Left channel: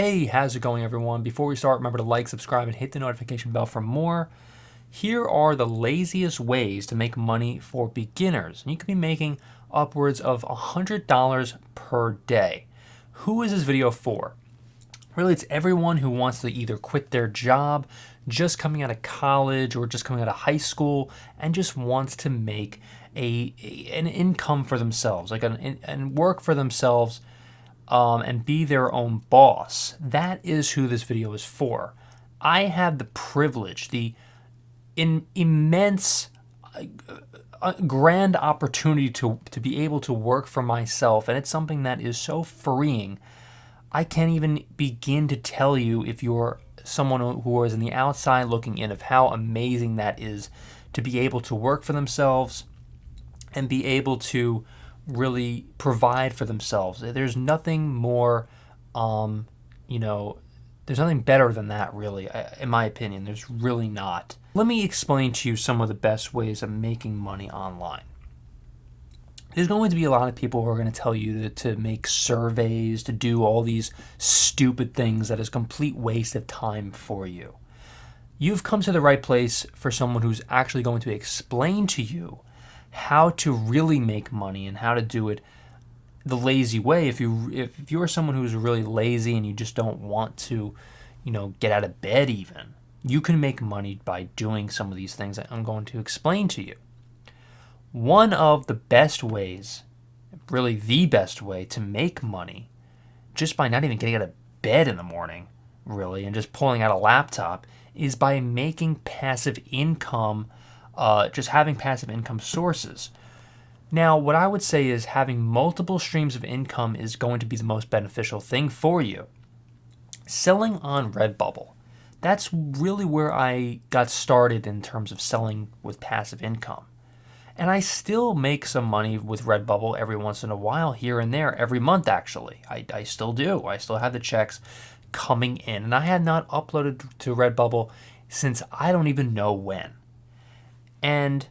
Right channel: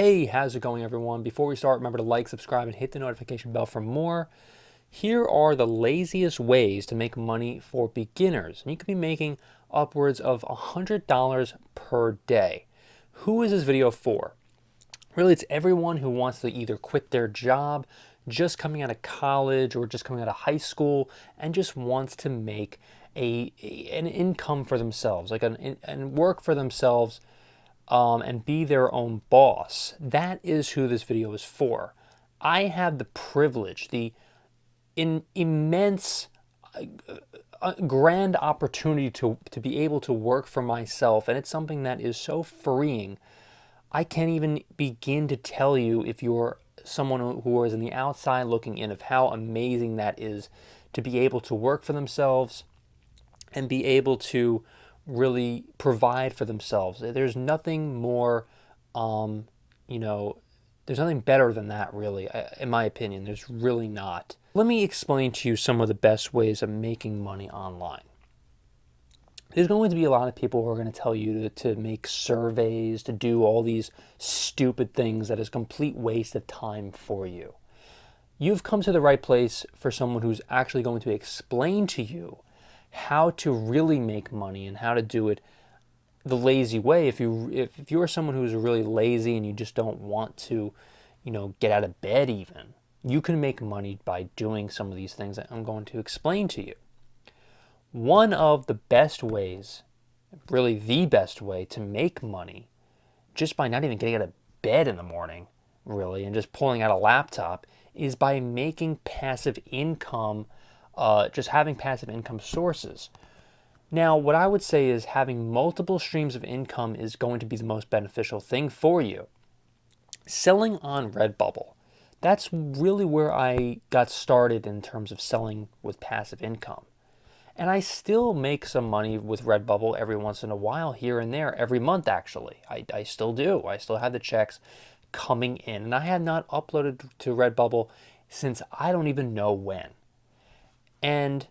Hey, how's it going, everyone? Before we start, remember to like, subscribe, and hit the notification bell for more. Here are the laziest ways to make money for beginners. And you could be making upwards of $100 per day. Who is this video for? Really, it's everyone who wants to either quit their job, just coming out of college, or just coming out of high school, and just wants to make an income for themselves, and work for themselves, and be their own boss. That is who this video is for. I have the privilege, the immense, grand opportunity to be able to work for myself, and it's something that is so freeing. I can't even begin to tell you, if you're someone who is in the outside looking in, of how amazing that is to be able to work for themselves and be able to really provide for themselves. There's nothing more, there's nothing better than that, really, in my opinion. There's really not. Let me explain to you some of the best ways of making money online. There's going to be a lot of people who are going to tell you to make surveys, to do all these stupid things that is a complete waste of time for you. You've come to the right place for someone who's actually going to explain to you how to really make money and how to do it the lazy way. If you're someone who's really lazy and you just don't want to, get out of bed even, you can make money by doing some of these things that I'm going to explain to you. One of the best ways, really the best way to make money, just by not even getting out of bed in the morning, really, and just pulling out a laptop, is by making passive income, just having passive income sources. Now, what I would say is having multiple streams of income is going to be the most beneficial thing for you. Selling on Redbubble. That's really where I got started in terms of selling with passive income. And I still make some money with Redbubble every once in a while, here and there, every month actually. I still do. I still have the checks coming in. And I have not uploaded to Redbubble since I don't even know when. And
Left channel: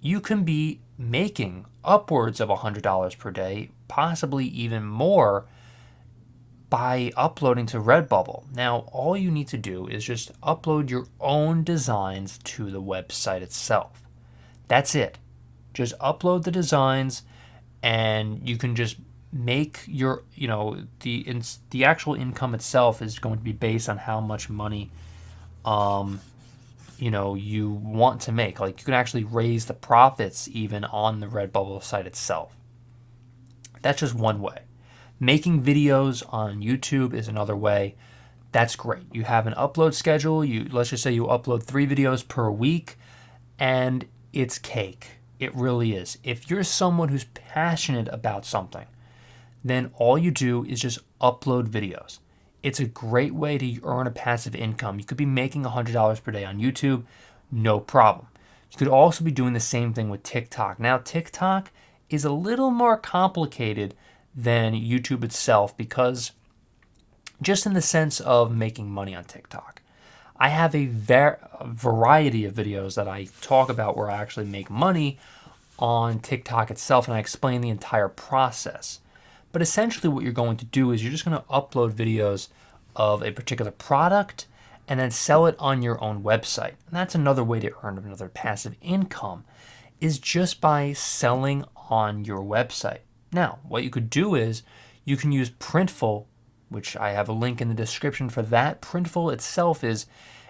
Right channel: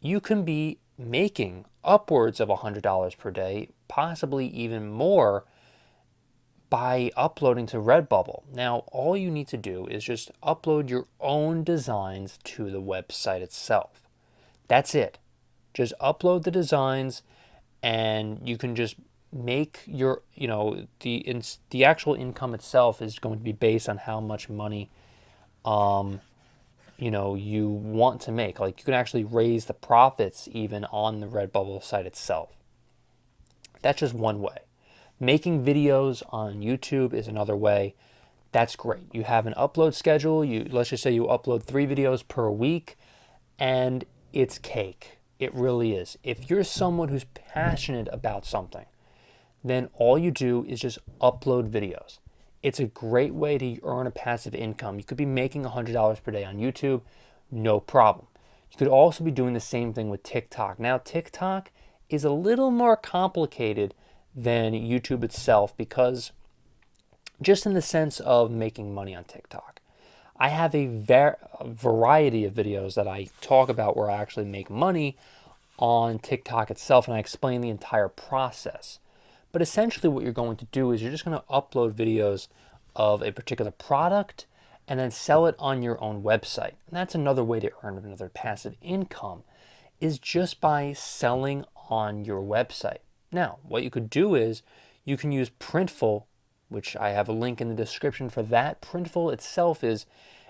you can be making upwards of $100 per day, possibly even more, by uploading to Redbubble. Now, all you need to do is just upload your own designs to the website itself. That's it. Just upload the designs, and you can just make your, the actual income itself is going to be based on how much money, you want to make. Like, you can actually raise the profits even on the Redbubble site itself. That's just one way. Making videos on YouTube is another way. That's great. You have an upload schedule. Let's just say you upload 3 videos per week, and it's cake. It really is. If you're someone who's passionate about something, then all you do is just upload videos. It's a great way to earn a passive income. You could be making $100 per day on YouTube, no problem. You could also be doing the same thing with TikTok. Now, TikTok is a little more complicated than YouTube itself, because just in the sense of making money on TikTok, I have a variety of videos that I talk about where I actually make money on TikTok itself, and I explain the entire process. But essentially what you're going to do is you're just going to upload videos of a particular product and then sell it on your own website. And that's another way to earn another passive income, is just by selling on your website. Now, what you could do is you can use Printful, which I have a link in the description for that. Printful itself is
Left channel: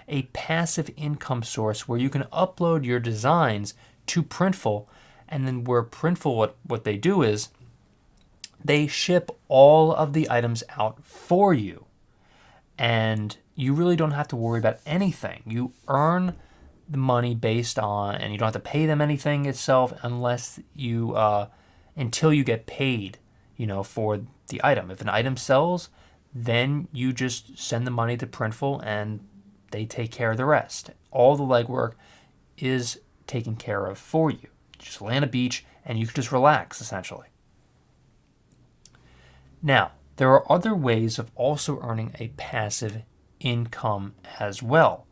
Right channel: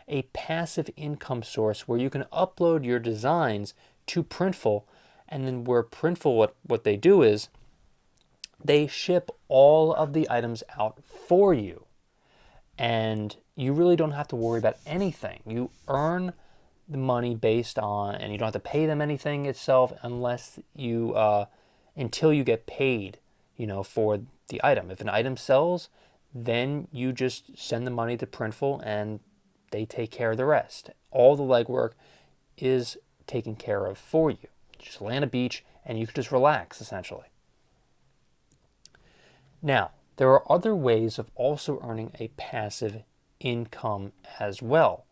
a passive income source where you can upload your designs to Printful, and then where Printful, what they do is they ship all of the items out for you, and you really don't have to worry about anything. You earn the money based on, and you don't have to pay them anything itself unless you until you get paid, for the item. If an item sells, then you just send the money to Printful and they take care of the rest. All the legwork is taken care of for you. Just lay on a beach and you can just relax, essentially. Now, there are other ways of also earning a passive income as well.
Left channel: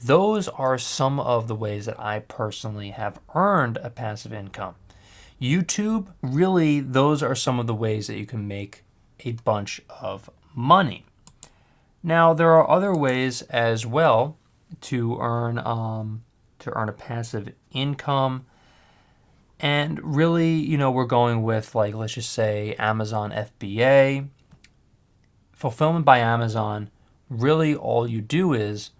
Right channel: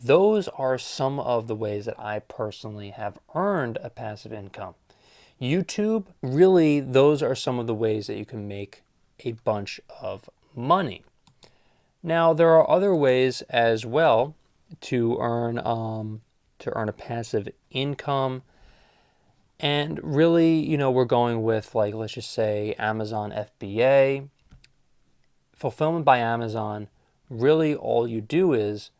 Those are some of the ways that I personally have earned a passive income. YouTube, really, those are some of the ways that you can make a bunch of money. Now, there are other ways as well to earn a passive income. And really, we're going with, like, let's just say Amazon FBA, fulfillment by Amazon. Really, all you do is,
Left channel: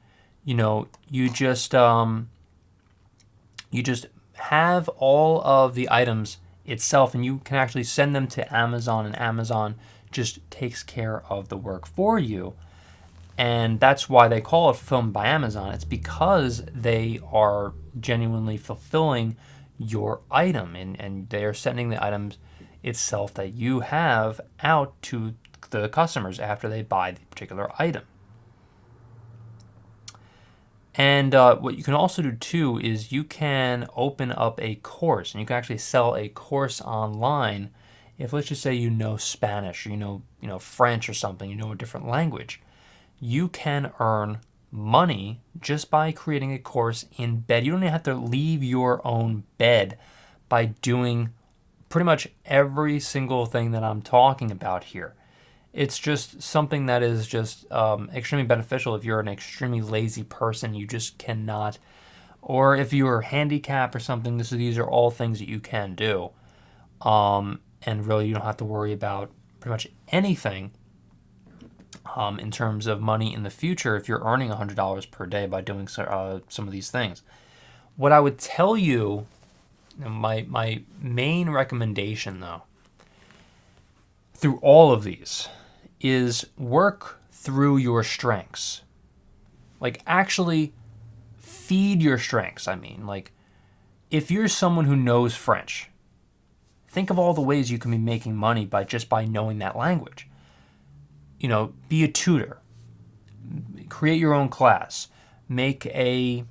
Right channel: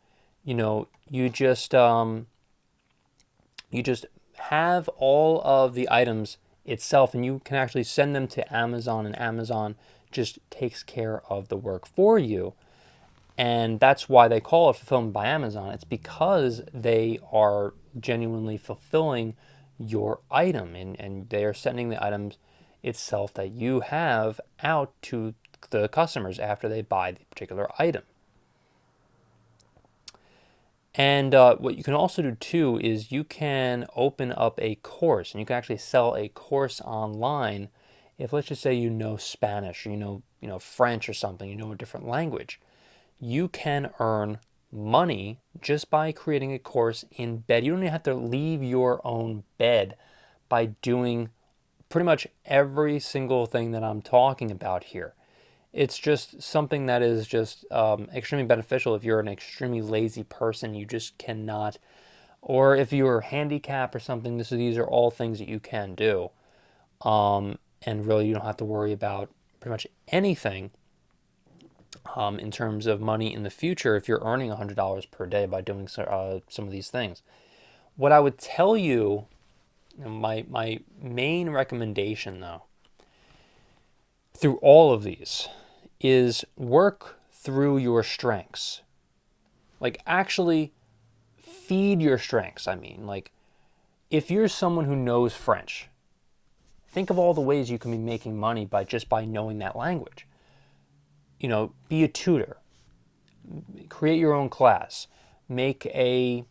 you just have all of the items itself, and you can actually send them to Amazon, and Amazon just takes care of the work for you. And that's why they call it fulfillment by Amazon. It's because they are genuinely fulfilling your item, and they are sending the items itself that you have out to the customers after they buy the particular item. And what you can also do too is you can open up a course, and you can actually sell a course online. If, let's just say, you know Spanish, French or something, a different language, you can earn money just by creating a course in bed. You don't even have to leave your own bed by doing pretty much every single thing that I'm talking about here. It's just something that is just extremely beneficial if you're an extremely lazy person. You just cannot, or if you're handicapped or something, these are all things that you can do. And really, you don't have to worry about pretty much anything in terms of money in the future if you're earning $100 per day by doing some of these things. What I would tell you, my main recommendation, though, through all of these, is work through your strengths. Like, actually feed your strengths. I mean, like, if you're someone who knows French, think of all the ways you can be making money by knowing that language. Be a tutor, create your own class, make an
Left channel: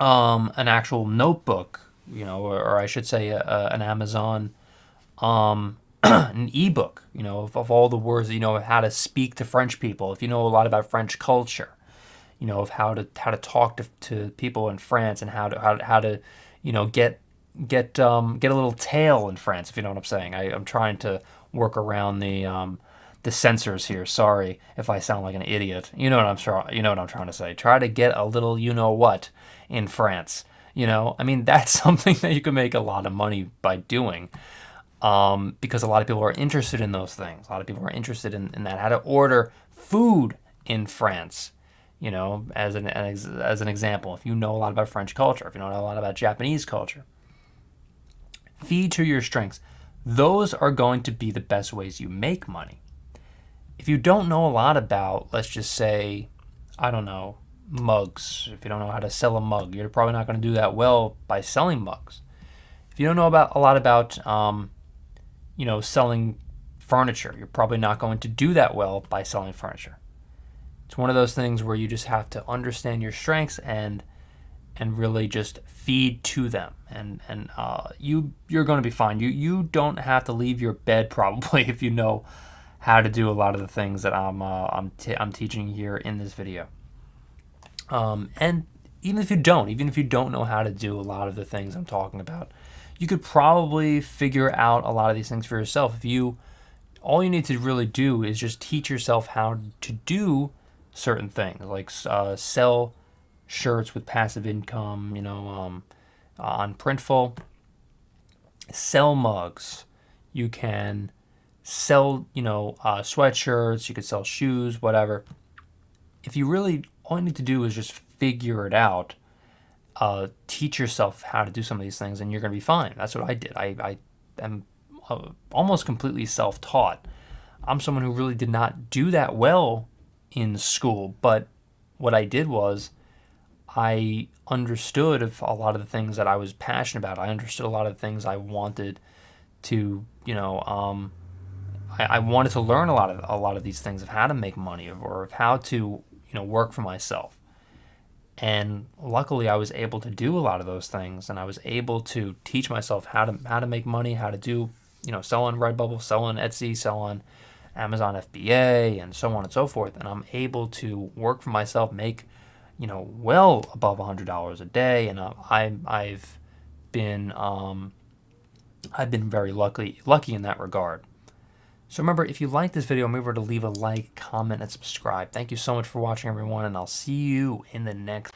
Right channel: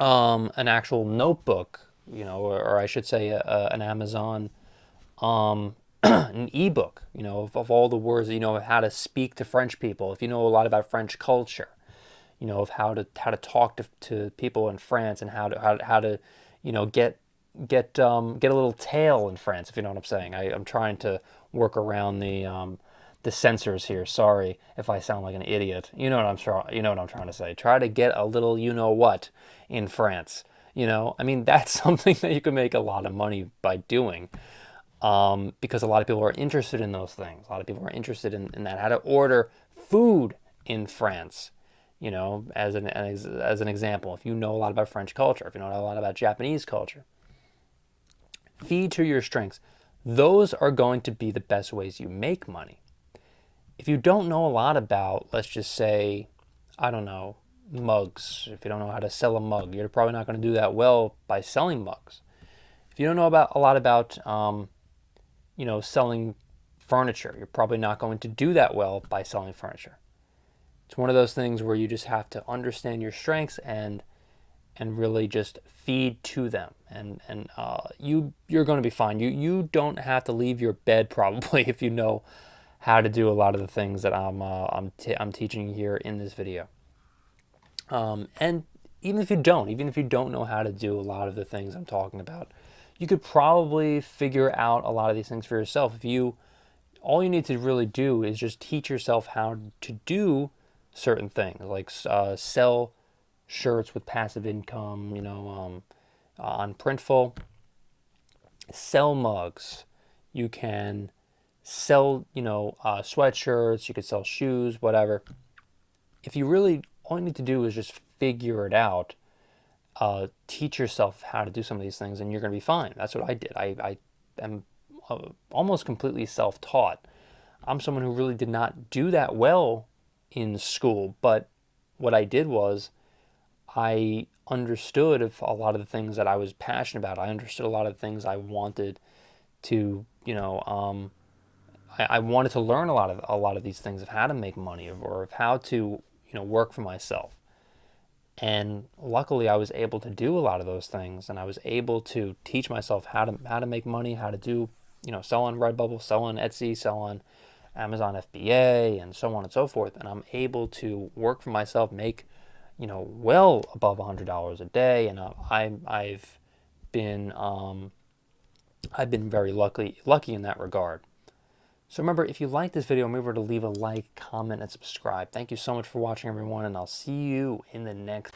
actual notebook, or I should say an Amazon an ebook, of all the words, how to speak to French people. If you know a lot about French culture, of how to talk to people in France, and how to get a little tail in France, if you know what I'm saying. I'm trying to work around the censors here. Sorry if I sound like an idiot. You know what I'm trying to say. Try to get a little what in France. I mean, that's something that you can make a lot of money by doing. Because a lot of people are interested in those things. A lot of people are interested in that, how to order food in France. As an example, if you know a lot about French culture, if you know a lot about Japanese culture, feed to your strengths. Those are going to be the best ways you make money. If you don't know a lot about, let's just say, I don't know, mugs. If you don't know how to sell a mug, you're probably not going to do that well by selling mugs. If you don't know a lot about selling furniture, you're probably not going to do that well by selling furniture. It's one of those things where you just have to understand your strengths and really just feed to them, and you're going to be fine. You don't have to leave your bed probably if you know how to do a lot of the things that I'm teaching here in this video. And even if you don't know how to do a lot of the things I'm talking about, you could probably figure out a lot of these things for yourself. All you need to really do is just teach yourself how to do certain things, like sell shirts with passive income, on Printful, sell mugs. You can sell, sweatshirts. You could sell shoes, whatever. If you really, all you need to do is just figure it out. Teach yourself how to do some of these things, and you're going to be fine. That's what I did. I am almost completely self-taught. I'm someone who really did not do that well in school, but what I did was I understood a lot of the things that I was passionate about. I understood a lot of the things I wanted to, I wanted to learn a lot of these things, of how to make money, or of how to, work for myself. And luckily, I was able to do a lot of those things, and I was able to teach myself how to make money, how to do, sell on Redbubble, sell on Etsy, sell on Amazon FBA, and so on and so forth. And I'm able to work for myself, make, well above $100 a day. And I've been very lucky in that regard. So remember, if you like this video, remember to leave a like, comment, and subscribe. Thank you so much for watching, everyone, and I'll see you in the next